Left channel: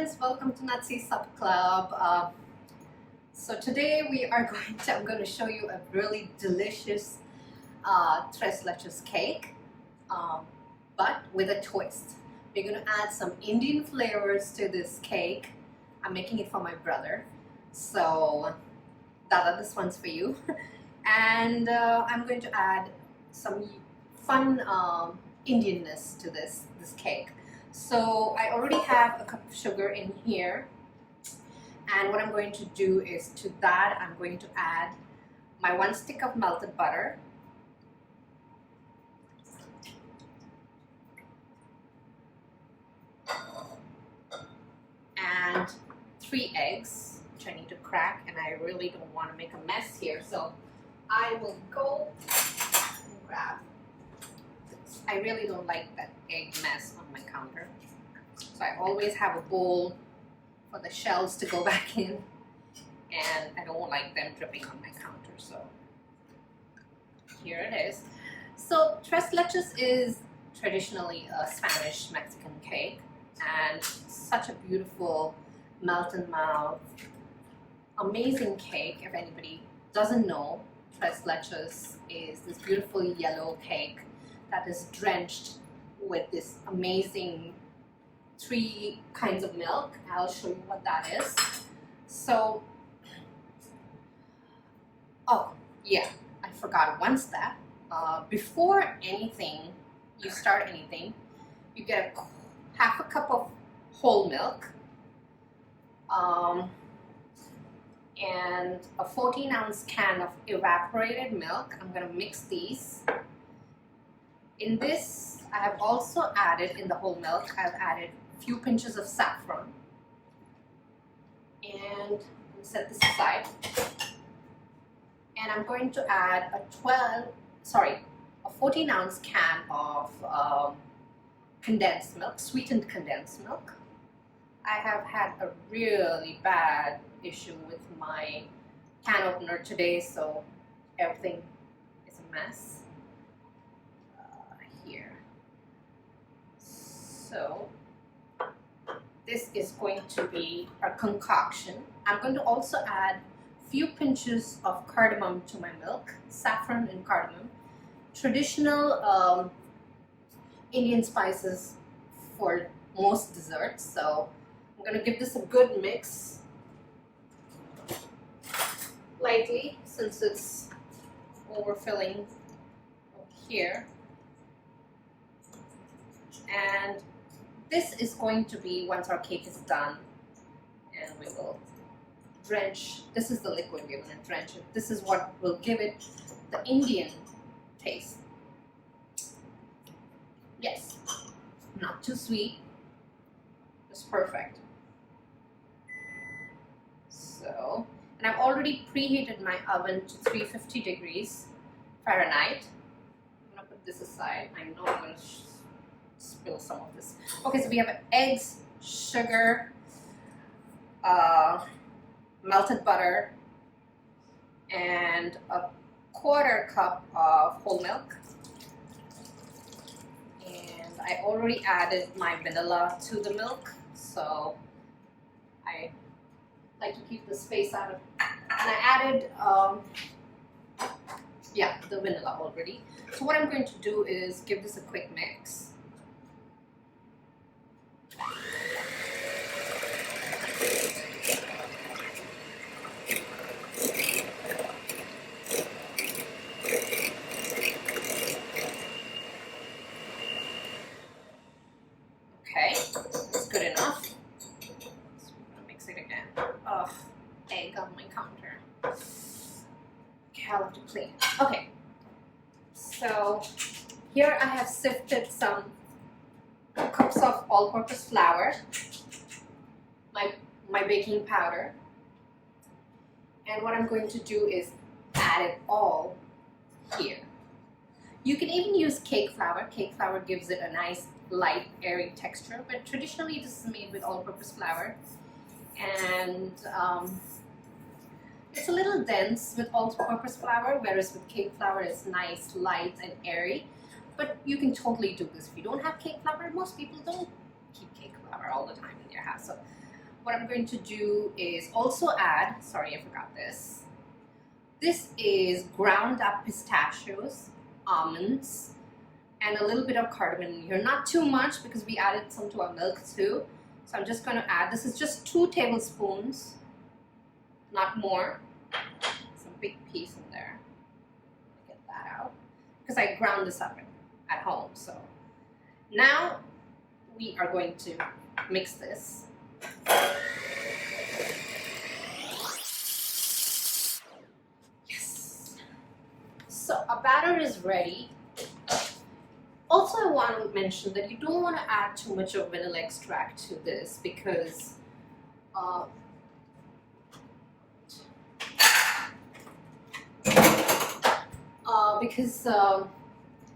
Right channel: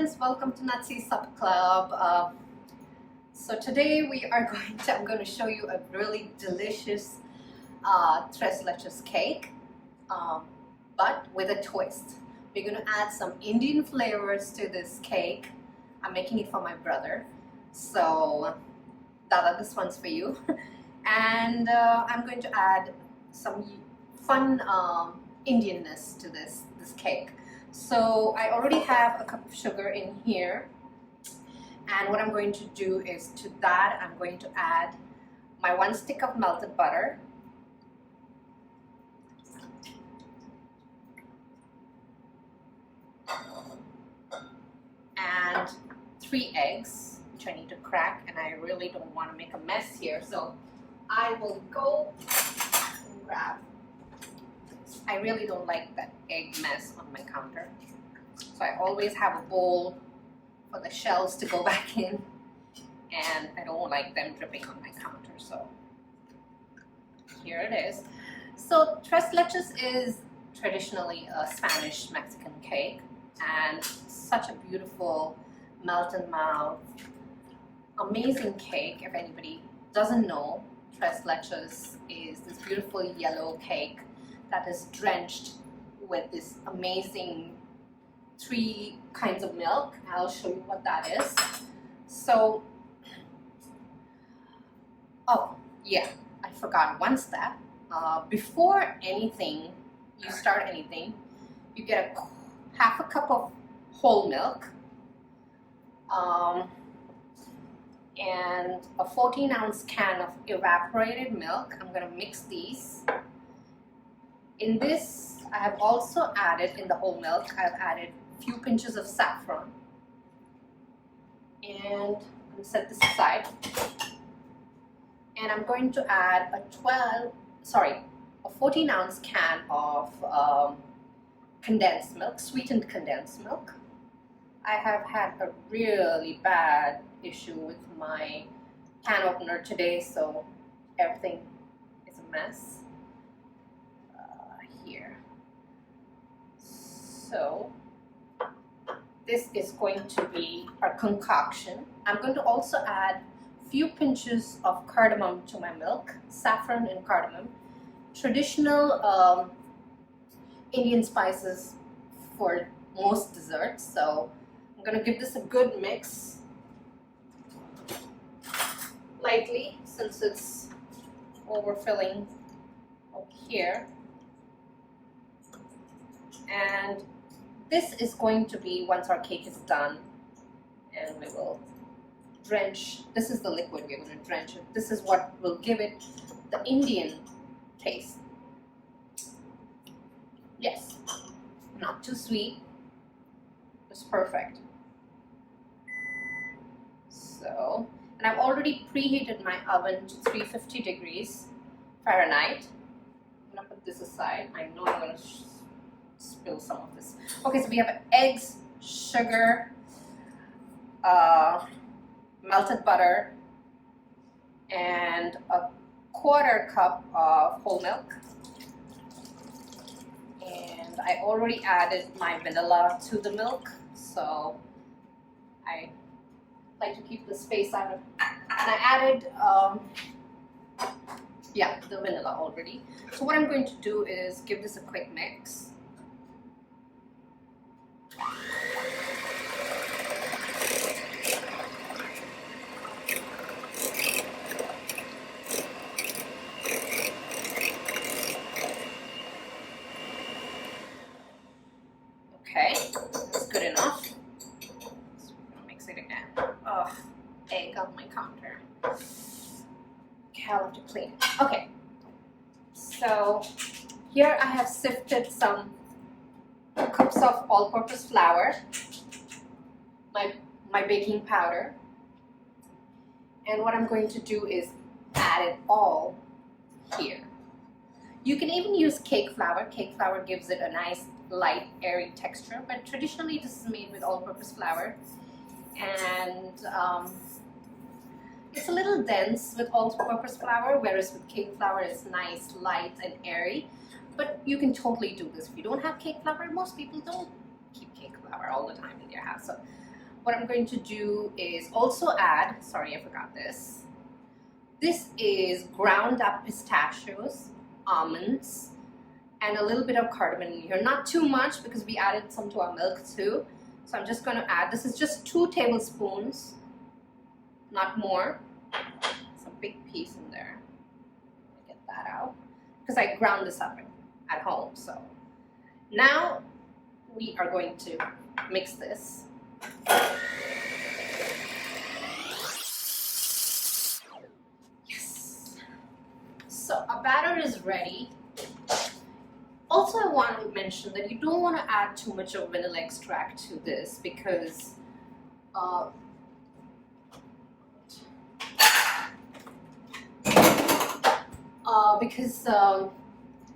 friends, welcome to Nazi Sup Club. So today I'm going to show you a really delicious tres leches cake, but with a twist. We're going to add some Indian flavors to this cake. I'm making it for my brother, so Dada, this one's for you. And I'm going to add some fun Indianness to this cake. So I already have a cup of sugar in here, and what I'm going to do is to that I'm going to add my 1 stick of melted butter, and 3 eggs, which I need to crack, and I really don't want to make a mess here, so I will go and grab. I really don't like that egg mess on my counter, so I always have a bowl for the shells to go back in, and I don't like them dripping on my counter, so here it is. So tres leches is traditionally a Spanish Mexican cake, and such a beautiful melt in mouth, amazing cake. If anybody doesn't know, tres leches is this beautiful yellow cake that is drenched with this amazing 3 kinds of milk. I'll show you what that is. So, oh yeah, I forgot one step. Before anything, you start anything, you get half a cup of whole milk, and a 14-ounce can of evaporated milk. I'm gonna mix these. In this, I have also added, in the whole milk, I've added a few pinches of saffron. And I'll set this aside. And I'm going to add a 14-ounce can of condensed milk, sweetened condensed milk. I have had a really bad issue with my can opener today, so everything is a mess. Here. So this is going to be our concoction. I'm going to also add a few pinches of cardamom to my milk, saffron and cardamom, traditional Indian spices for most desserts. So I'm going to give this a good mix lightly since it's overfilling up here. And this is going to be, once our cake is done, and we will drench, this is the liquid we're going to drench it. This is what will give it the Indian taste. Yes, not too sweet, just perfect. So, and I've already preheated my oven to 350 degrees Fahrenheit. I'm going to put this aside. I know I'm going to spill some of this. Okay, so we have eggs, sugar, melted butter, and a 1/4 cup of whole milk. And I already added my vanilla to the milk, so I like to keep the space out of, and I added the vanilla already. So what I'm going to do is give this a quick mix. Okay, that's good enough. So we're gonna mix it again. Oh, egg on my counter. Okay, I'll have to clean it. Okay, so here I have sifted some 2 cups of all-purpose flour, my baking powder, and what I'm going to do is add it all here. You can even use cake flour. Cake flour gives it a nice light, airy texture, but traditionally this is made with all-purpose flour, and it's a little dense with all-purpose flour, whereas with cake flour it's nice, light, and airy. But you can totally do this if you don't have cake flour. Most people don't keep cake flour all the time in their house, so what I'm going to do is also add, sorry, I forgot this. This is ground up pistachios, almonds, and a little bit of cardamom in here. Not too much because we added some to our milk too. So I'm just going to add, this is just 2 tablespoons, not more. It's a big piece in there. Get that out because I ground this up at home. So now we are going to mix this. Yes. So our batter is ready. Also, I want to mention that you don't want to add too much of vanilla extract to this because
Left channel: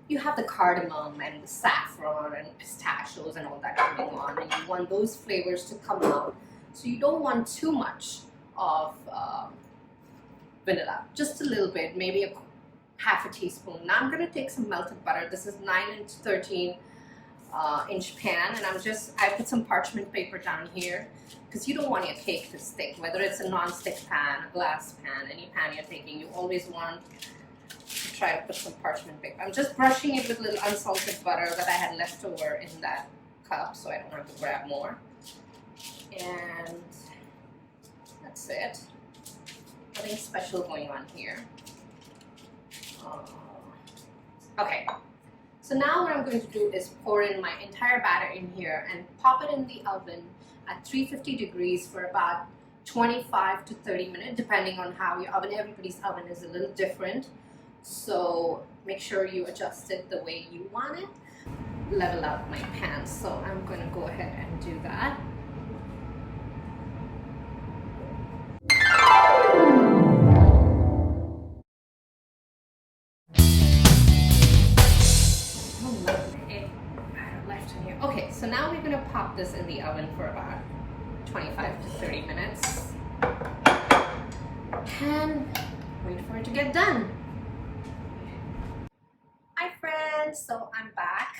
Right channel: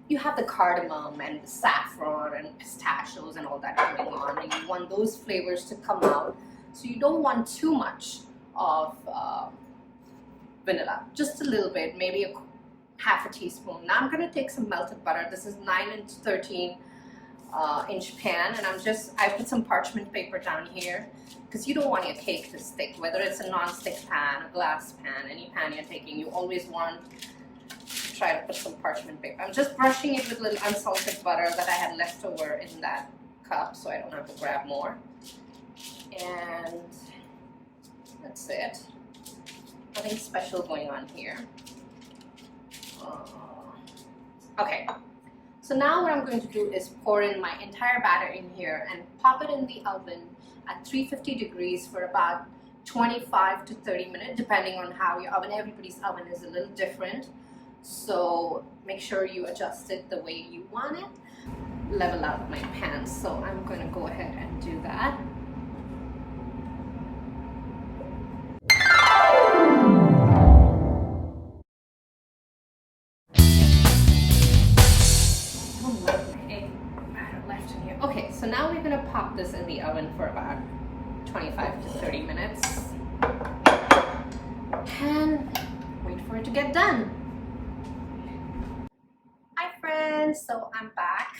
you have the cardamom and the saffron and pistachios and all that going on, and you want those flavors to come out. So you don't want too much of vanilla, just a little bit, maybe half a teaspoon. Now I'm going to take some melted butter. This is 9 to 13 inch pan, and I put some parchment paper down here because you don't want your cake to stick, whether it's a non-stick pan, a glass pan, any pan you're taking, you always want to try to put some parchment paper. I'm just brushing it with a little unsalted butter that I had left over in that cup so I don't have to grab more. And that's it. Nothing special going on here. Okay, so now what I'm going to do is pour in my entire batter in here and pop it in the oven at 350 degrees for about 25 to 30 minutes, depending on how your oven, everybody's oven is a little different. So make sure you adjust it the way you want it. Level out my pan, so I'm going to go ahead and do that. Okay, so now we're going to pop this in the oven for about 25 to 30 minutes and wait for it to get done. Hi friends, so I'm back.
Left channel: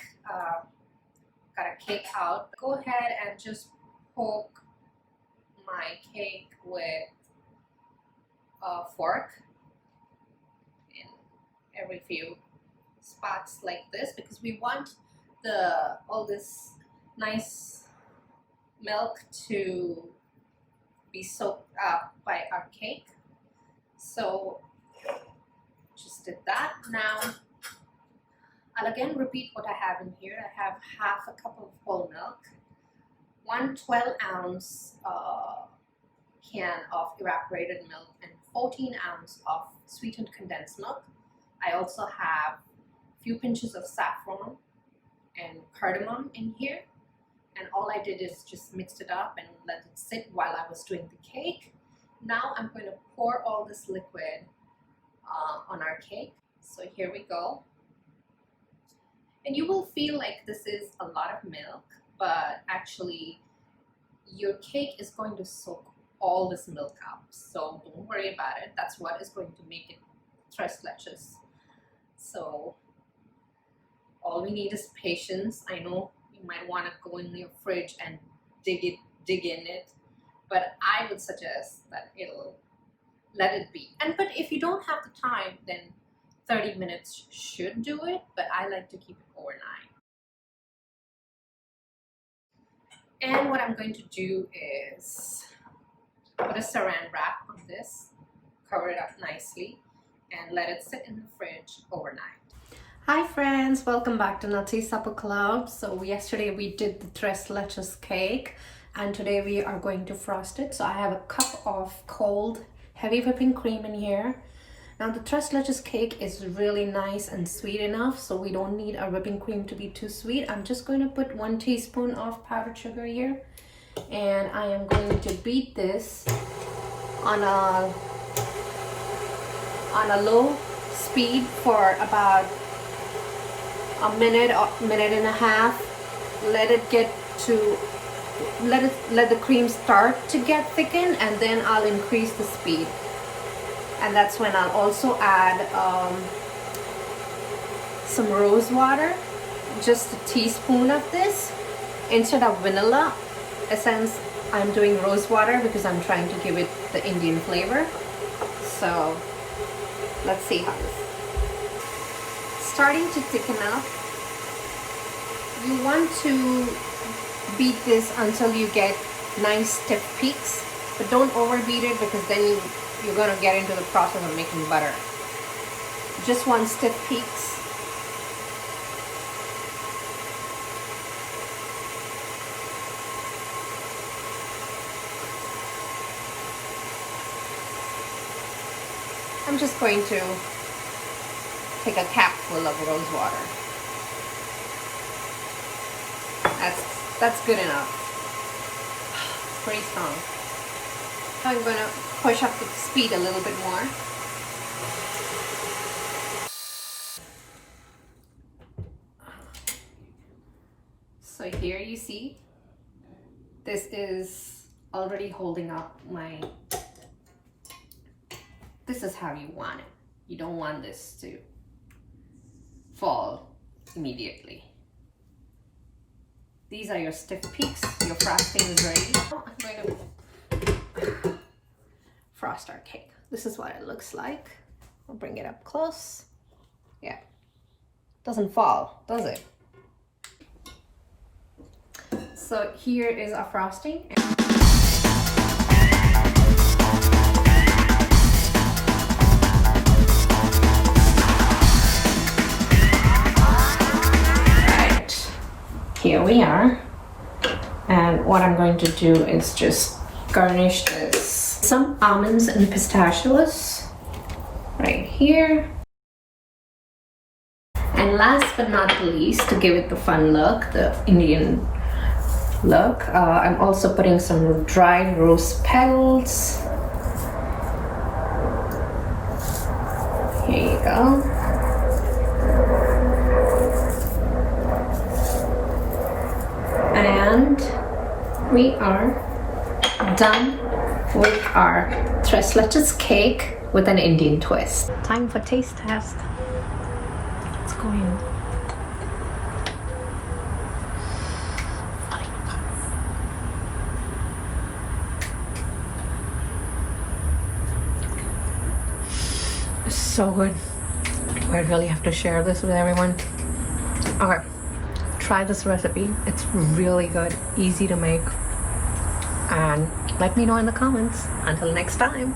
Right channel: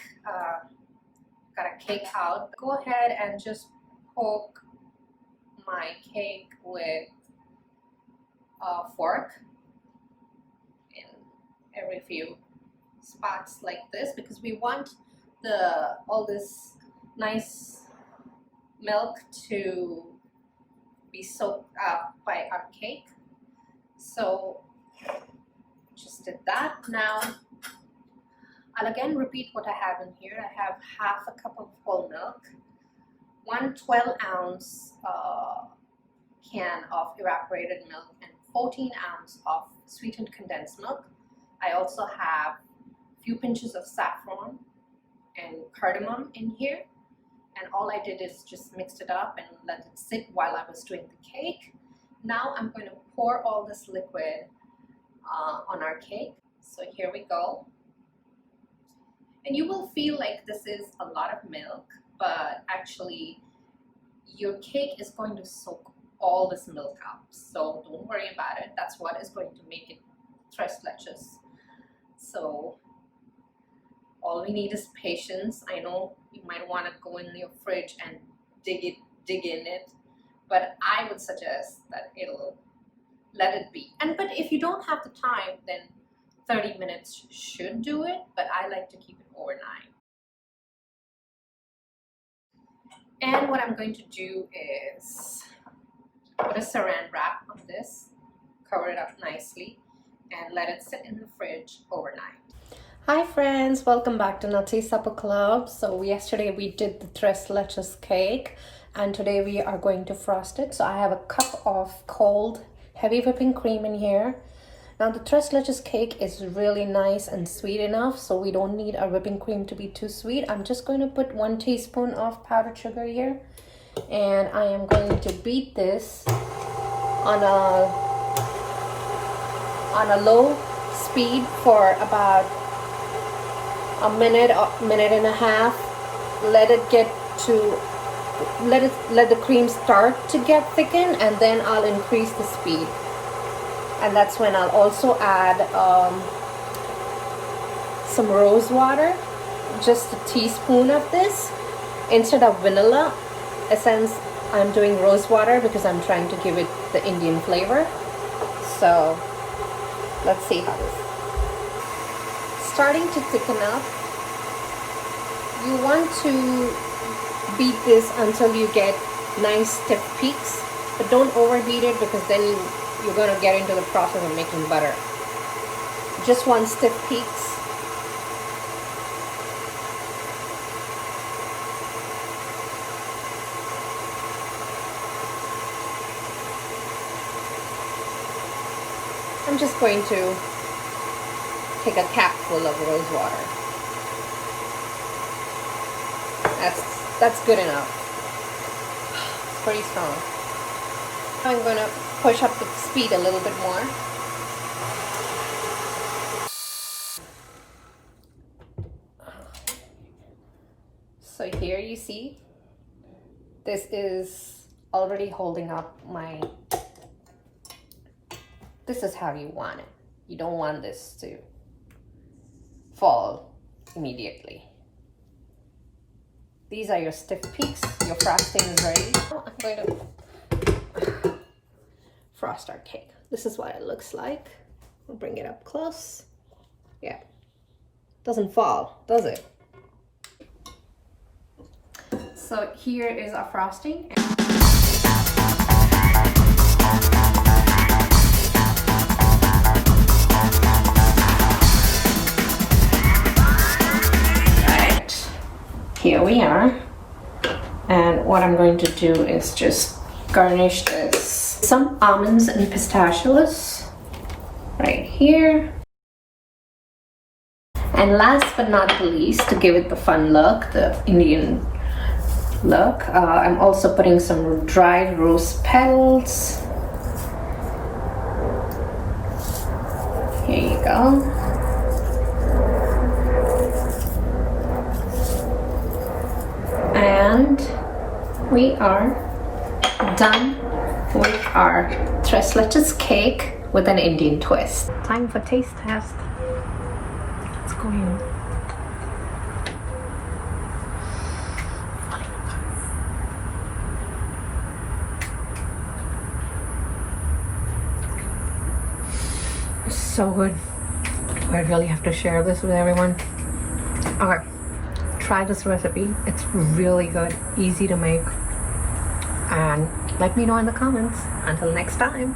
Got a cake out. Go ahead and just poke my cake with a fork in every few spots like this because we want all this nice milk to be soaked up by our cake. So just did that. Now I'll again repeat what I have in here. I have half a cup of whole milk, 1 12-ounce can of evaporated milk, and 14 ounces of sweetened condensed milk. I also have a few pinches of saffron and cardamom in here, and all I did is just mixed it up and let it sit while I was doing the cake. Now I'm going to pour all this liquid on our cake. So here we go. And you will feel like this is a lot of milk, but actually your cake is going to soak all this milk up. So don't worry about it. That's what is going to make it tres leches. So all we need is patience. I know you might want to go in your fridge and dig in it, but I would suggest that let it be. But if you don't have the time, then 30 minutes should do it, but I like to keep it overnight. And what I'm going to do is put a saran wrap on this, cover it up nicely, and let it sit in the fridge overnight. Hi friends, welcome back to Nutty Supper Club. So yesterday we did the tres leches cake, and today we are going to frost it. So I have a cup of cold heavy whipping cream in here. Now the tres leches cake is really nice and sweet enough, so we don't need our whipping cream to be too sweet. I'm just going to put 1 teaspoon of powdered sugar here, and I am going to beat this on a low speed for about a minute and a half. Let the cream start to get thickened, and then I'll increase the speed. And that's when I'll also add some rose water, just a teaspoon of this. Instead of vanilla essence, I'm doing rose water because I'm trying to give it the Indian flavor. So let's see how this is. Starting to thicken up. You want to beat this until you get nice stiff peaks, but don't overbeat it because then you're going to get into the process of making butter. Just want stiff peaks. I'm just going to take a cap full of rose water. That's good enough. It's pretty strong. I'm going to push up the speed a little bit more. So here you see, this is already holding up my, this is how you want it. You don't want this to fall immediately. These are your stiff peaks. Your frosting is ready. Now I'm going to frost our cake. This is what it looks like. I'll bring it up close. Yeah, doesn't fall, does it? So here is our frosting. Right, here we are. And what I'm going to do is just garnish this. Some almonds and pistachios right here. And last but not the least, to give it the fun look, the Indian look, I'm also putting some dried rose petals. Here you go. And we are done with our tres leches cake with an Indian twist. Time for taste test. Let's go in. So good. I really have to share this with everyone. Okay, try this recipe. It's really good, easy to make, and let me know in the comments. Until next time.